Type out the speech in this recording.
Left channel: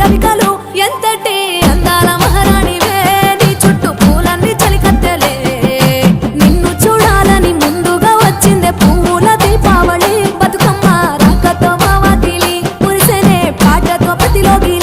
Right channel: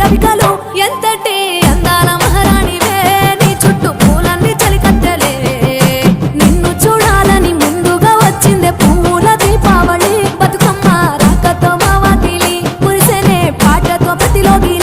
రవికలు ఎంతటి అందాల మహారాణివే నీ చుట్టూ పూలన్నీ చలికత్తెలే నిన్ను చూడాలని ముందుగా వచ్చిందే పూల దీపావళి బతుకమ్మ రాకతో మా వాకిలి మురిసెనే పాటతో ప్రతిలోకి